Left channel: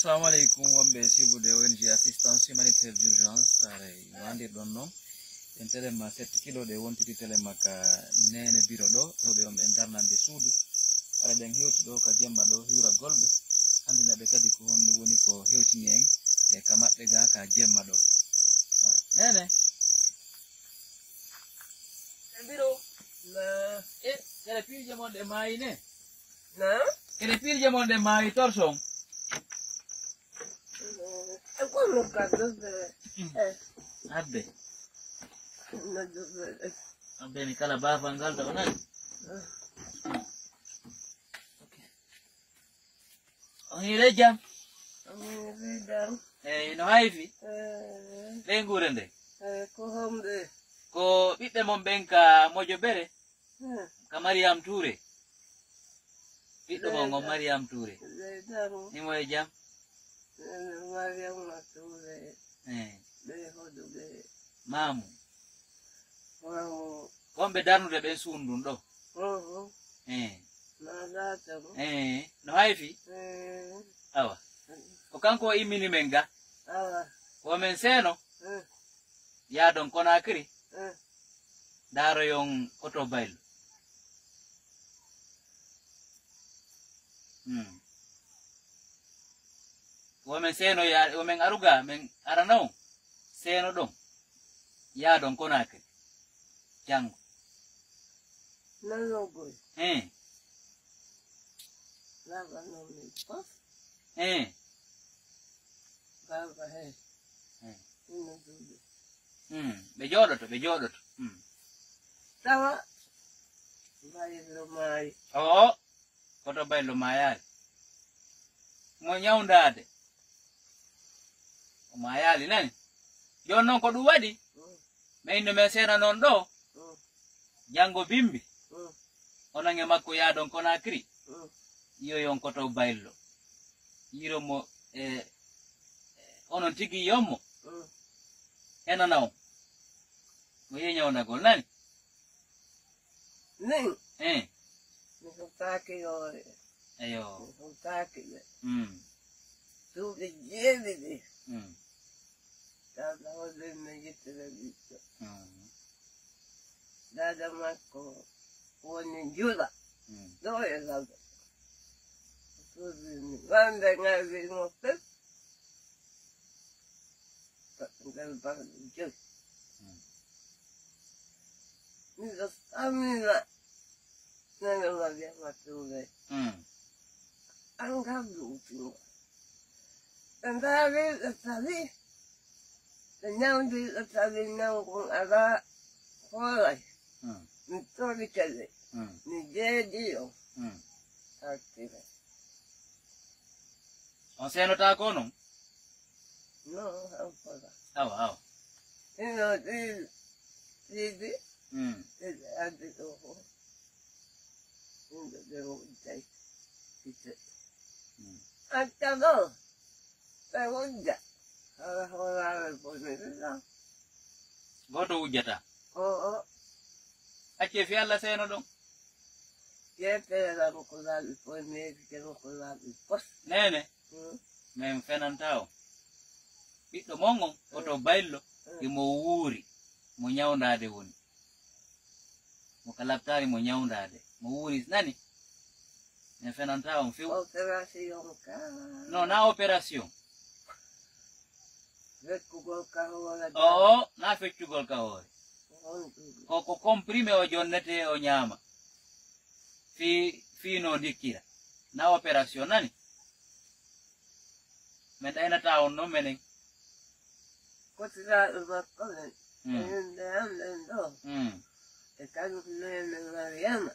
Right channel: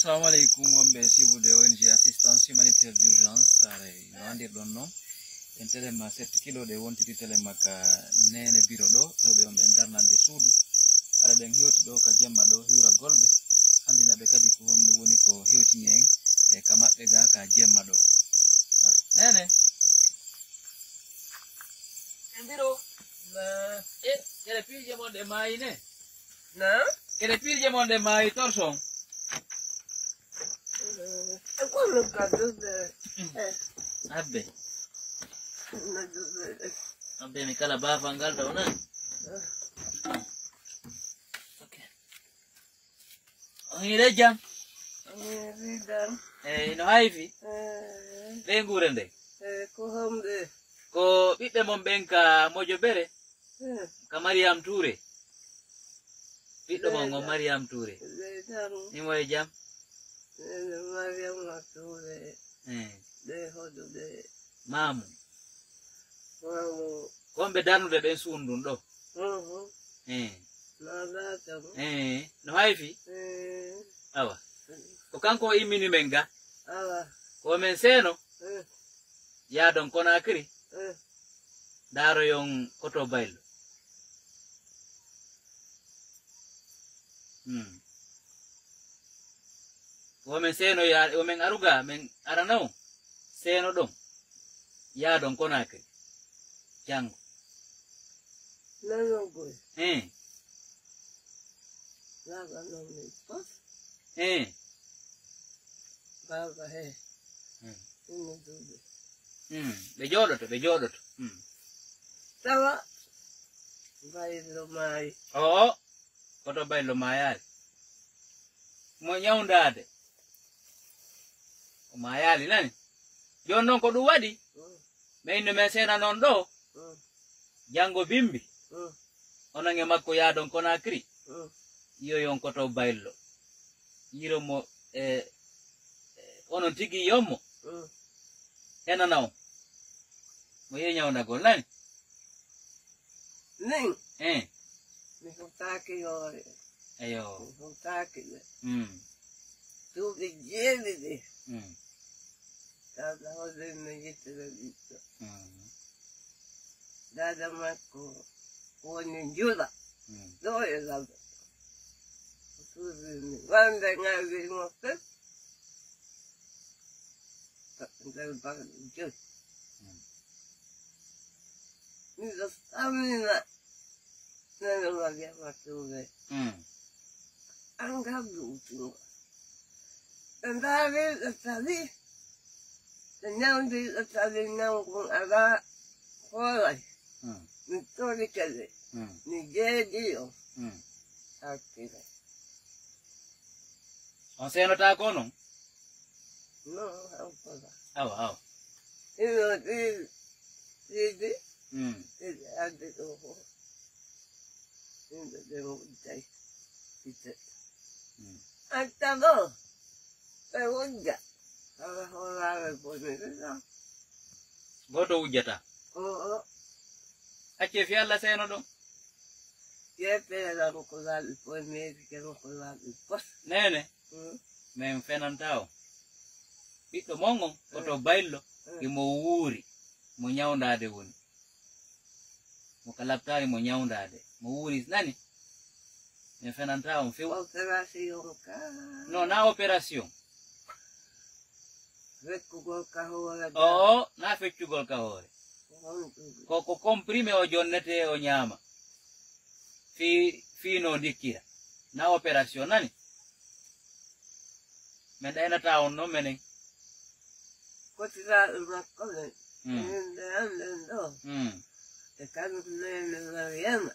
Assalamu alaikum wambe sibude ONG assistance humanitaire d'urgence no andi donno en telema 7 kilo de wontiti telema ka nene biro do be on ben darnande suudu ala den hewti do ka jemma do hiura golbe andina be kadi ko hondu woni ko hewti nyeng e ka mabbe ga ka jemma do nene en biro na kele pilje mon de mayine na kele pilje mon de mayi torson Abbe. Abbe mi kala ba fangal da wannan. Okay. Oni reja. No haifi. Lengurende. Ko homde. Ko bibbe mon benka mojo bere. Ka Mariam Toure. Bibbe mon Mariam Toure. Ni moye jam. Mariam Toure. De hodo de. Mamu. Mamu. Wombe darnude ben sundun do. Na data. No haifi. Awa. Ko kanko imini menga. Awa. Ko men seno. Ya don Conakry. Daro yon koto bailo. Women seno ya women aruga men arano seno dong ya don Conakry jango no boy lava no me pas baba he no dude be jodoto tawa bailo mai koto bailo mai mo nyaundade mayali nani jon non ko dum wadi me no mesena non do jango bimbi onange makko ya don Conakry iyo yon koto bailo yiro mo onon tigi yommo enanaw mo yenyawna gol nani ning mi ko taki yo ayo ko taki tu de yedi Dada hoze megite vizito. Dada mako uoni jula. Doye dada. Usuzini. Wanda ngazi ngopet. Ndel baka jus. Nizo stamina. Nana mavya matuve. Angabu utunga. Ndale atali. Now the Italian now aga holy. Historically. Nigeria. Okay. On seno ta kono? No, how for that? How? You know, this. I did over. In the devil day. He said. I don't know. I won't get. Goto ujata. Ache fiala seno dong. Yepe la mukulali po mezi ke mukulali pos. Nene. Men fenantao. Bito mongo koto bailo ki mo wuri mo nyaundade woni. Mo kalaptari mo nyaundade. Mo wuri nani? Men fenantao mfiu. Operation ka. No, na operation. Feccugol kahore. Na feccugol kahore. Ko comprime o jonnete o nyama. Fino dikira. Na operation nani? Menda ena taon no menen. Kotira makole. Ndo. E kanu nene Mariam.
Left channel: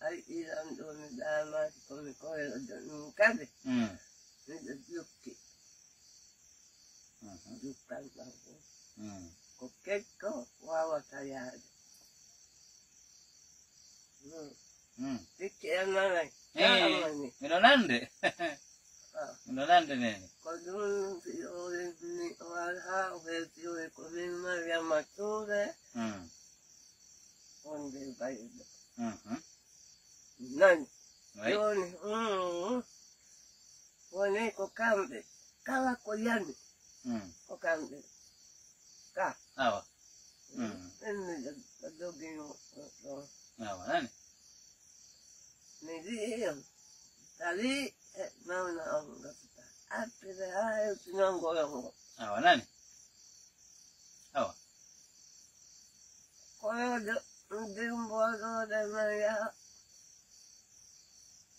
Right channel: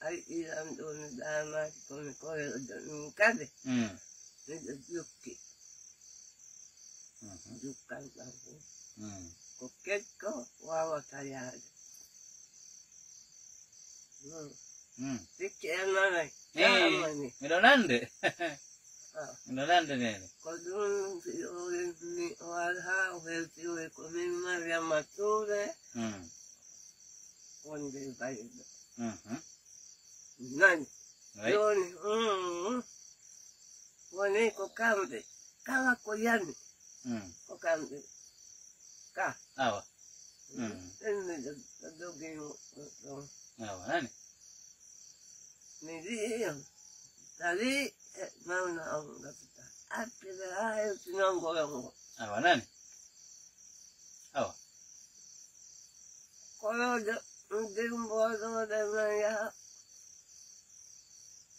Ai ilan doni dama kone koe doni kade. Yuki. Yukan bahu. Kokeko wawa tayari. Tiki enane. Midonande. Midonande nene. Kodun ni walha uheti uwe kumi Mariam Toure. Onde vai. Nani. Right? Yoni, wone ko kambe, kala ko yani, ko kambe, ka. Awa. Enne dogi Awa, nani? Nidi, tali, mana onga kita. Apile hayo tinongo yongo. Awa, nani? Awa. Koyo dimbo do de maya.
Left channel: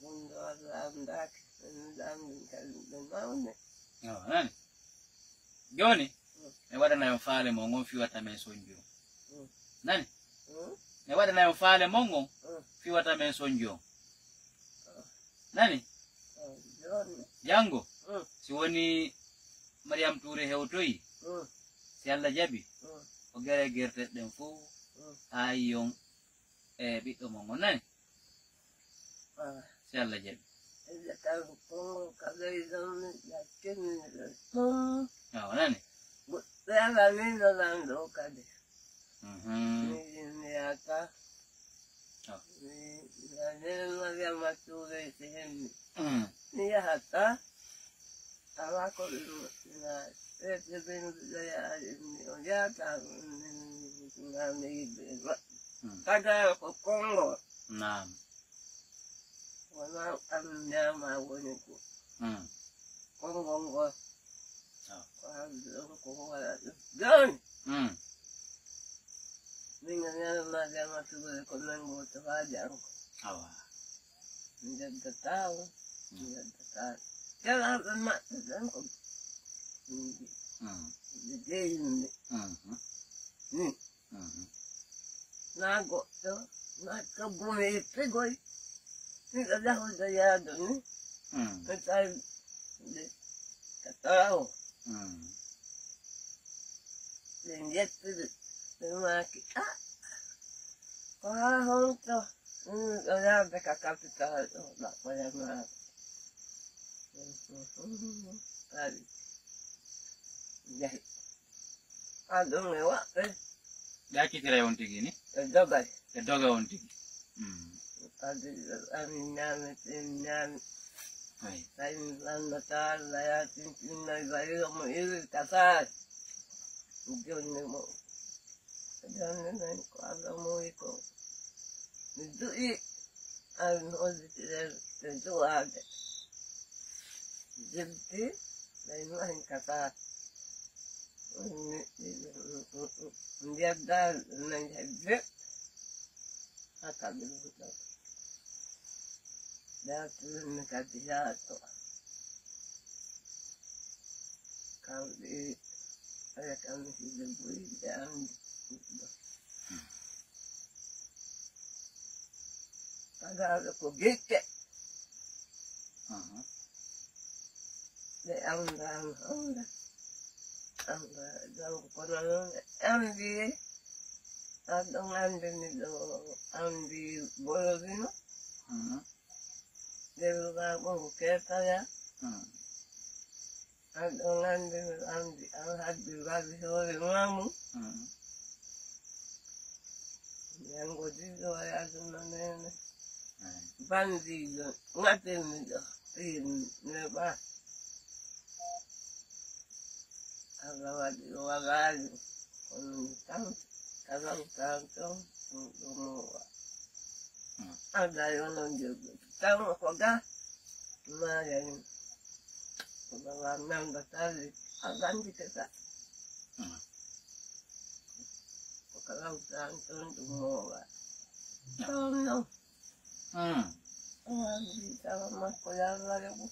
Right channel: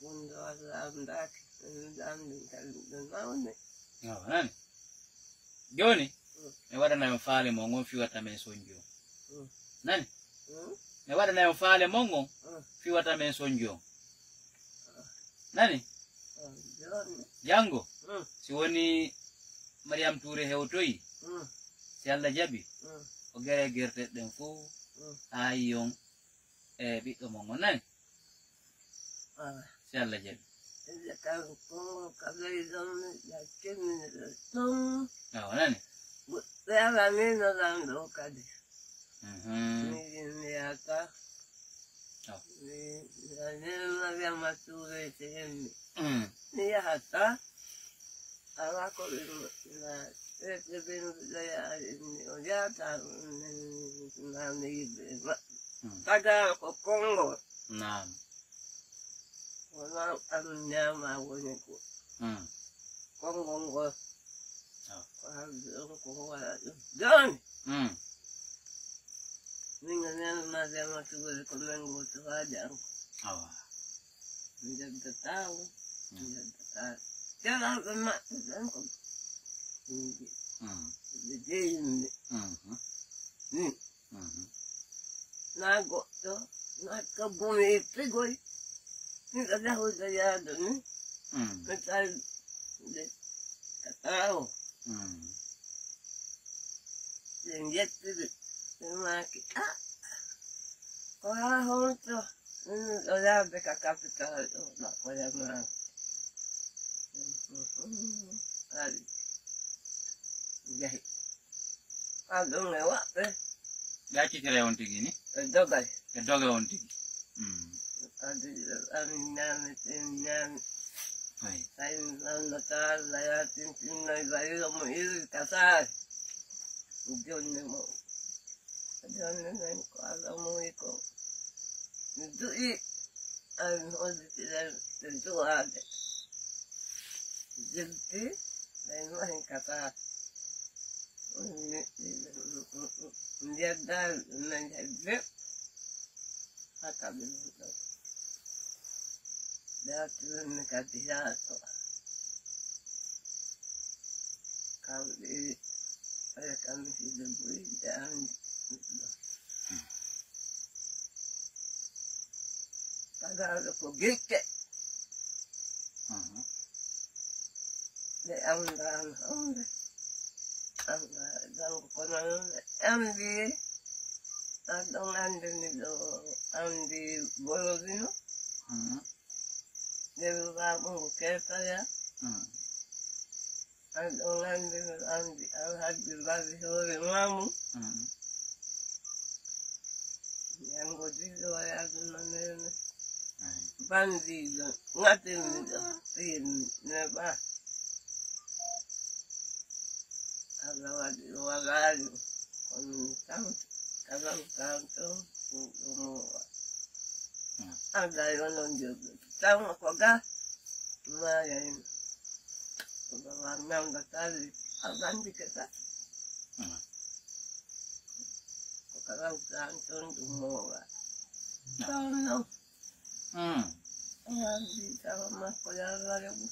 Mundo andaki, ndani kaludanaone. Awa, nani? Joni? Ewada na mfale mongo fi wata mensonjo. Nani? Ewada na mfale mongo fi wata mensonjo. Nani? Jango. Siwoni Mariam Touré hewtoyi. Si Allah jabi. O gere gerte den fu ayon biddo mongo nani? Si Allah jabi. Awa, nani? Awa nino dando kade. Ni aka. Ni Mariam Touré sehemu. Ni hata. Awa ko na benu ya ni ojata na ni kada ko Kongo. Naam. Wana amnyama wone ko. Kongo ngo. Kongo ya. Don. Ninga nena Mariam Touré ko nango to haja. Awa. Nda tao. Jangan lemak dan kau. Jadi ini. Nak tu, nak kebun itu goi. Ni dah sudah ya tu ni. Macam kata Linjat tu, semua kita. Kau hang tu, dah dekat kapital tu, nak kau yang mana? Jadi, adung lewat Gachi kira onti gini? dogai. Doga onti. Amin. Hai. Sain natal layatin tinai bayi kamu itu kasar. Jangan mau. Jangan main kalau itu. Itu tidak tentu ada. Jadi, lain lain kata dia dah menjadi akan betul. Dia tu mengkati satu. Kami ada kami hidup dan kagak ada kogek. De andra dan konon andi adong andi bolodino de lugar mo keta ya adong andi alhaji gabi hore mamu yang godido ya dunane bandido ngatin tin neba Agawali tanto como ada yono jogo tamo koga maya koga namba tali abandi keta koga tanto dumowa tono abandi sama koyala lebu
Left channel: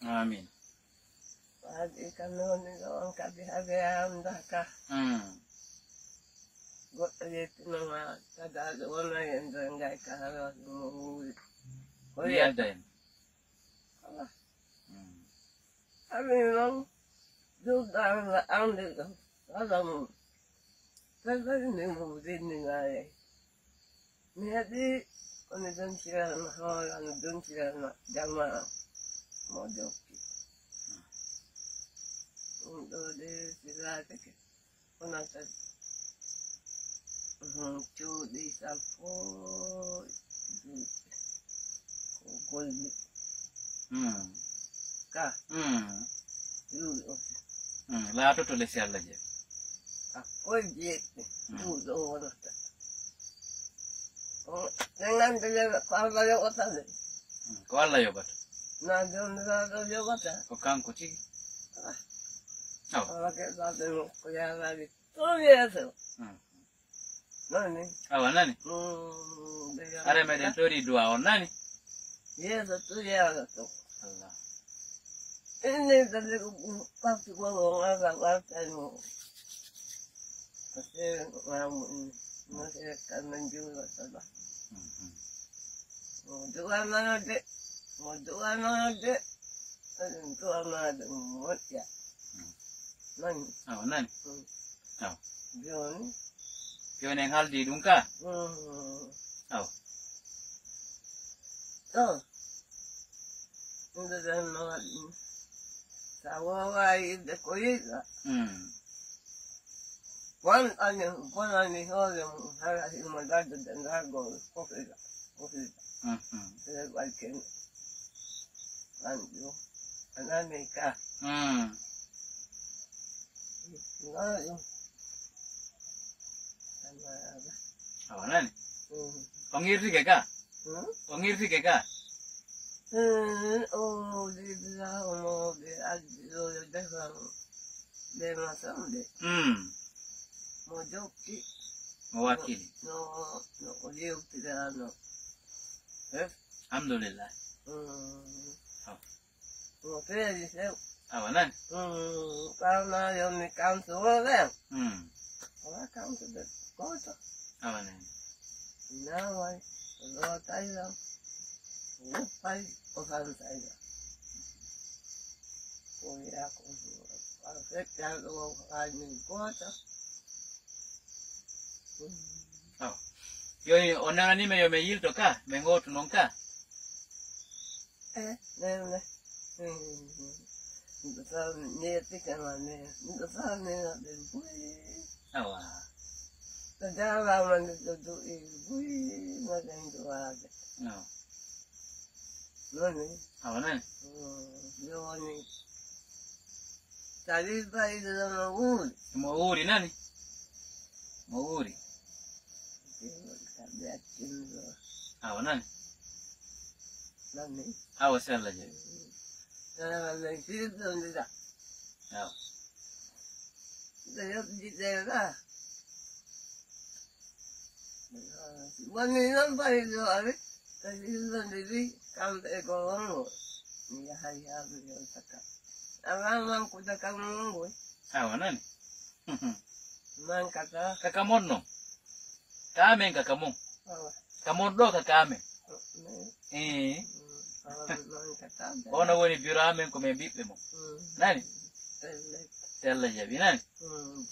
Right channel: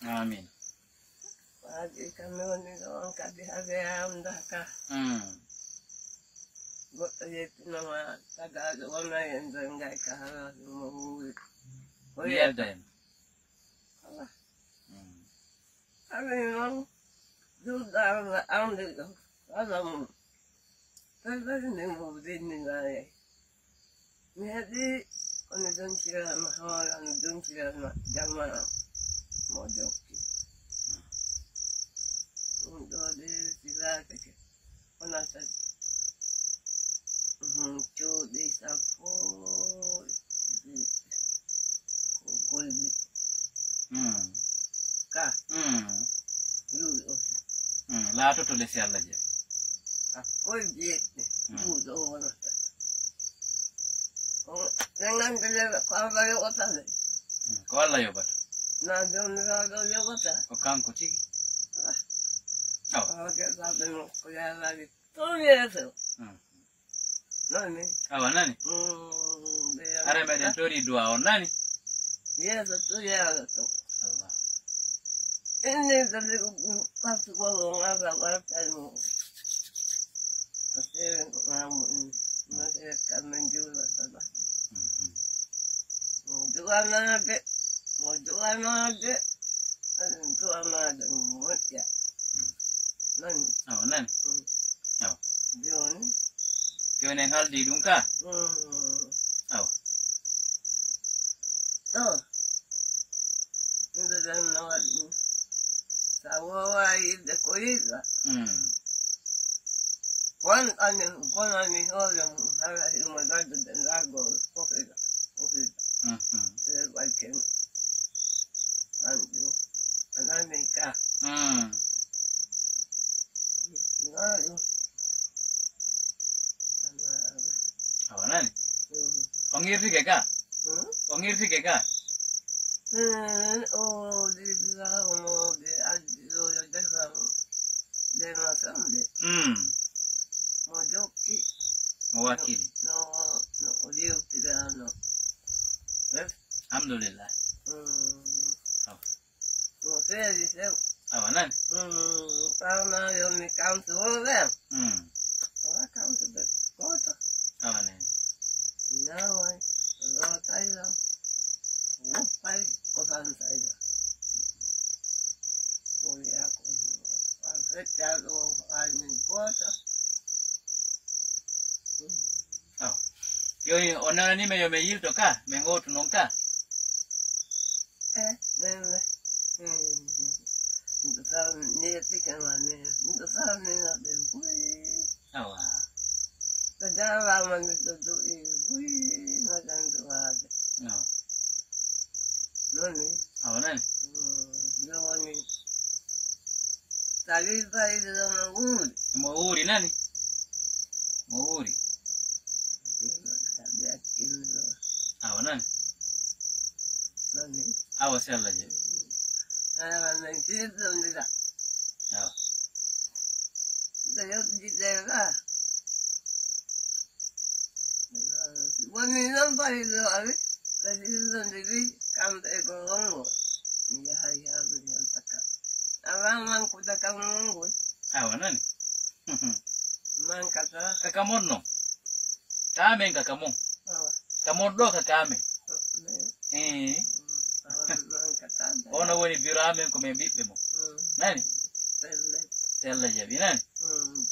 Amin. Pagi kami orang kadi ada anda kah? Buat itu nama ada orang yang enggak kalah mau. Oh iya dan. Kami memang sudah ambil tu. Kalau saya ni mau dinilai. Jadi orang don kira mahal, orang don kira jamaah model. Untuk di sila keke, orang tu, tu di sapo, Poldi. Ka. Yu osi. La to le si Allah je. Ka Poldi. Yu do wala. Dengan dia kalau dia otak. Ko Allah yobat. Na do dia otak. Ko kan ko tigi. Kalau kita tengok kuliah lagi. Tu dia tu. Nani? Awa nani? Are me den tori dua on nani? Dia tu dia tu. Allah. Ini tadi pasti kalau agak bertemu. Pasti masih akan menjual saja. Jual mana dek? Mau jual mana dek? Jual mana dek? Ya. Nani? Awa nani? Awa. John. Kyo neng hal di dungka? Awa. Oh. Ini dah nak sawai dekoira. Wan ani orang harus mengada dengan gol. Okey. Lepas lanjut. Anak nikah. Awa nani? Ongir si keka? Ongir si keka? Oh, dia mau dia ada dah dia macam dia. Mau joki. Mewakili. No, dia tidak no. Alhamdulillah. Mau saya di sana. Awa nani? Karena yang ni kantor kan. Kalau kantor dek kota. Awa nani? Nawai, kalau Thailand, lupai orang Thailand. Korea Afrika orang ni kota. Awa. Yo ona ni me yo me yil to ka, me ngo tu nonka. Nene. Entonces ni tika mane, entonces ni de bui. Awa. Jangan lama itu bui macam tu ada. No. Nani? Awa nani? Nani? Tadi saya dalam uri. Mawuri nani? Mawuri. Awa nani? Nani? Awa si Allah je. Nani situ tidak. Awa. Saya tidak lah. Wani nampak itu ada. Tapi sendiri kamu ekonomi. Ni hari yang takkan. Orang mang kuda kamu. Awa nani? Mang kata. Kakamono. Kame kakamon. Kamondo kakame. Mang kata. Ona woni birame ko me bibe mo. Nani? Sella jabi nani?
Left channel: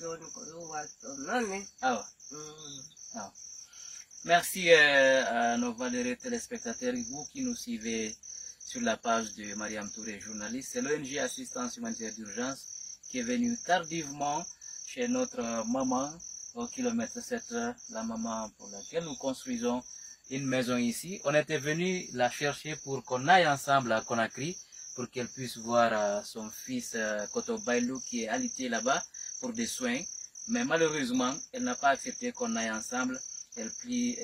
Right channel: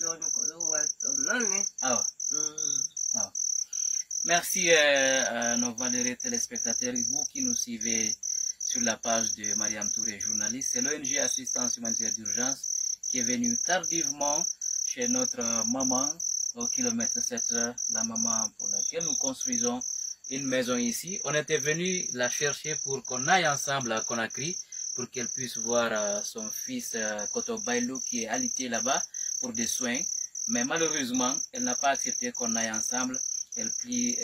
John ko wato nani? Awa. Awa. Merci à nos valeureux téléspectateurs, vous qui nous suivez sur la page de Mariam Touré, journaliste. C'est l'ONG Assistance Humanitaire d'Urgence qui est venu tardivement chez notre maman au kilomètre 7, la maman pour laquelle nous construisons une maison ici. On était venu la chercher pour qu'on aille ensemble à Conakry pour qu'elle puisse voir son fils Koto Bailou qui est alité là-bas pour des soins. Mais malheureusement, elle n'a pas accepté qu'on aille ensemble. Elle plie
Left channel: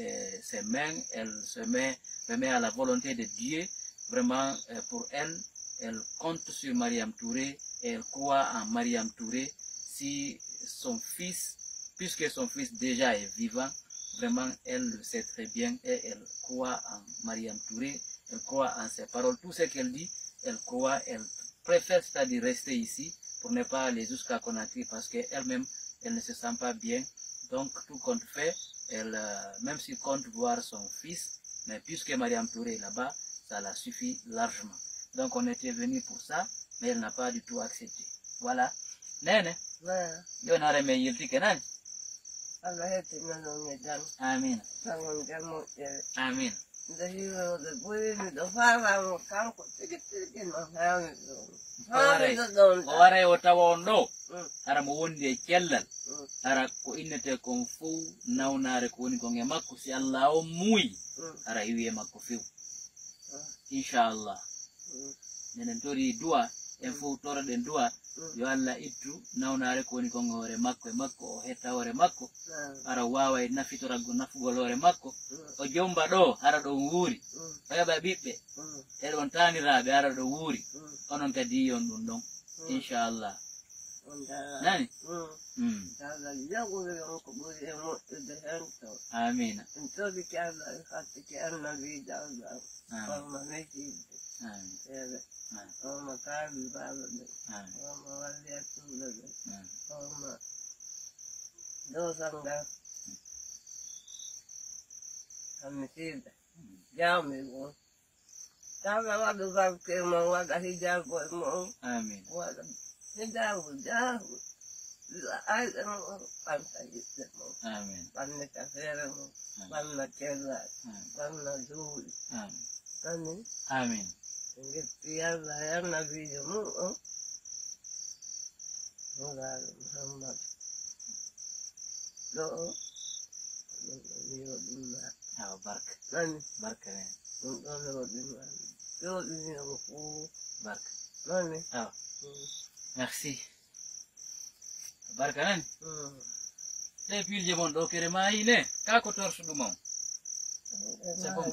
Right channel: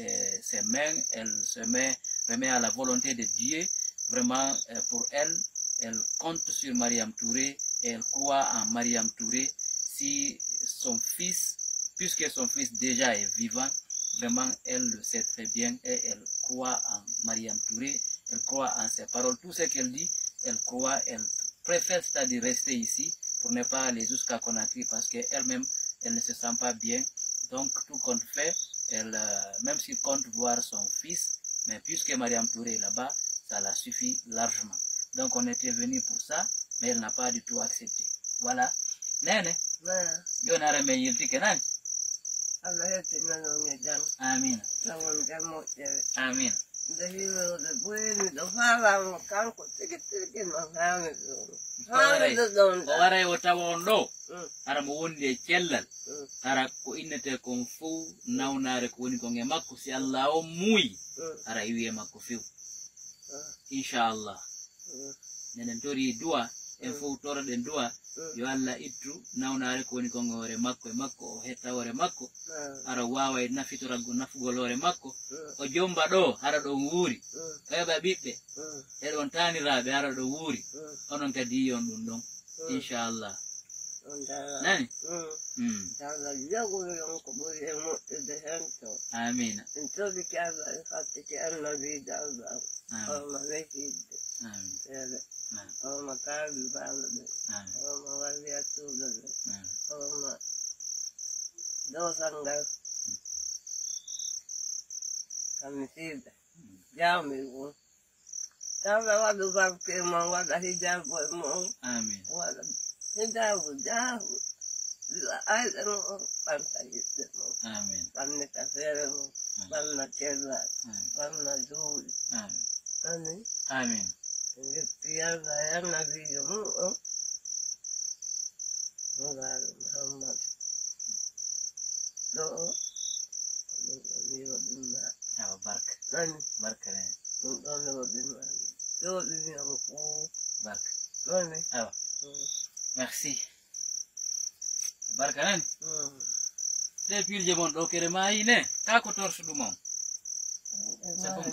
ses mains, elle se remet à la volonté de Dieu. Vraiment, pour elle, elle compte sur Mariam Touré et elle croit en Mariam Touré. Si son fils, puisque son fils déjà est vivant, vraiment, elle le sait très bien et elle croit en Mariam Touré, elle croit en ses paroles. Tout ce qu'elle dit, elle croit, elle préfère c'est-à-dire rester ici pour ne pas aller jusqu'à Conakry parce qu'elle-même, elle ne se sent pas bien. Donc, tout compte fait, elle, même s'il compte voir son fils, mais puisque Mariam Touré est là-bas, ça la suffit largement. Donc, on était venu pour ça, mais elle n'a pas du tout accepté. Voilà. Nene, yo na reme yilti kenan. Amin. Amin. Oware wota wondo. Ara mo wonde cellal. Ara ko innete kon fu nawnare ko woni kon e makko si Allah o muy. Ara iwi e makko few. inchallah nenen tori du'a en fof toroɗen du'a yo Allah ittu nawnare ko woni kon hoore makko e makko o hetta hoore makko ara wawa e nafugol hoore makko o jomba ɗo hara ɗo wuuri o heɓa ɓiɓɓe eɗon taniraɓe ara ɗo wuuri onon kadi yiyon ɗum ɗon inchallah nani amina اللهم كافي بعضنا اللهم ولي أسولنا اللهم دوسنا كمسيدة جامل تعالى وضع ذلك ما وضع حجاب والمؤمن آمين وضع حجاب جاه أيضا أنت يسلم آمين فأنك خير فأنك كذا فأنك زول آمين آمين يلا يا نبي جموع محمد لو النبي ودنا بركة من بركة النبي ودنا لو الدنيا مفهوم بركة من merci barka nani ɗe pilje mon ɗo kere mayi ne ka ko torsuɗumon c'est bon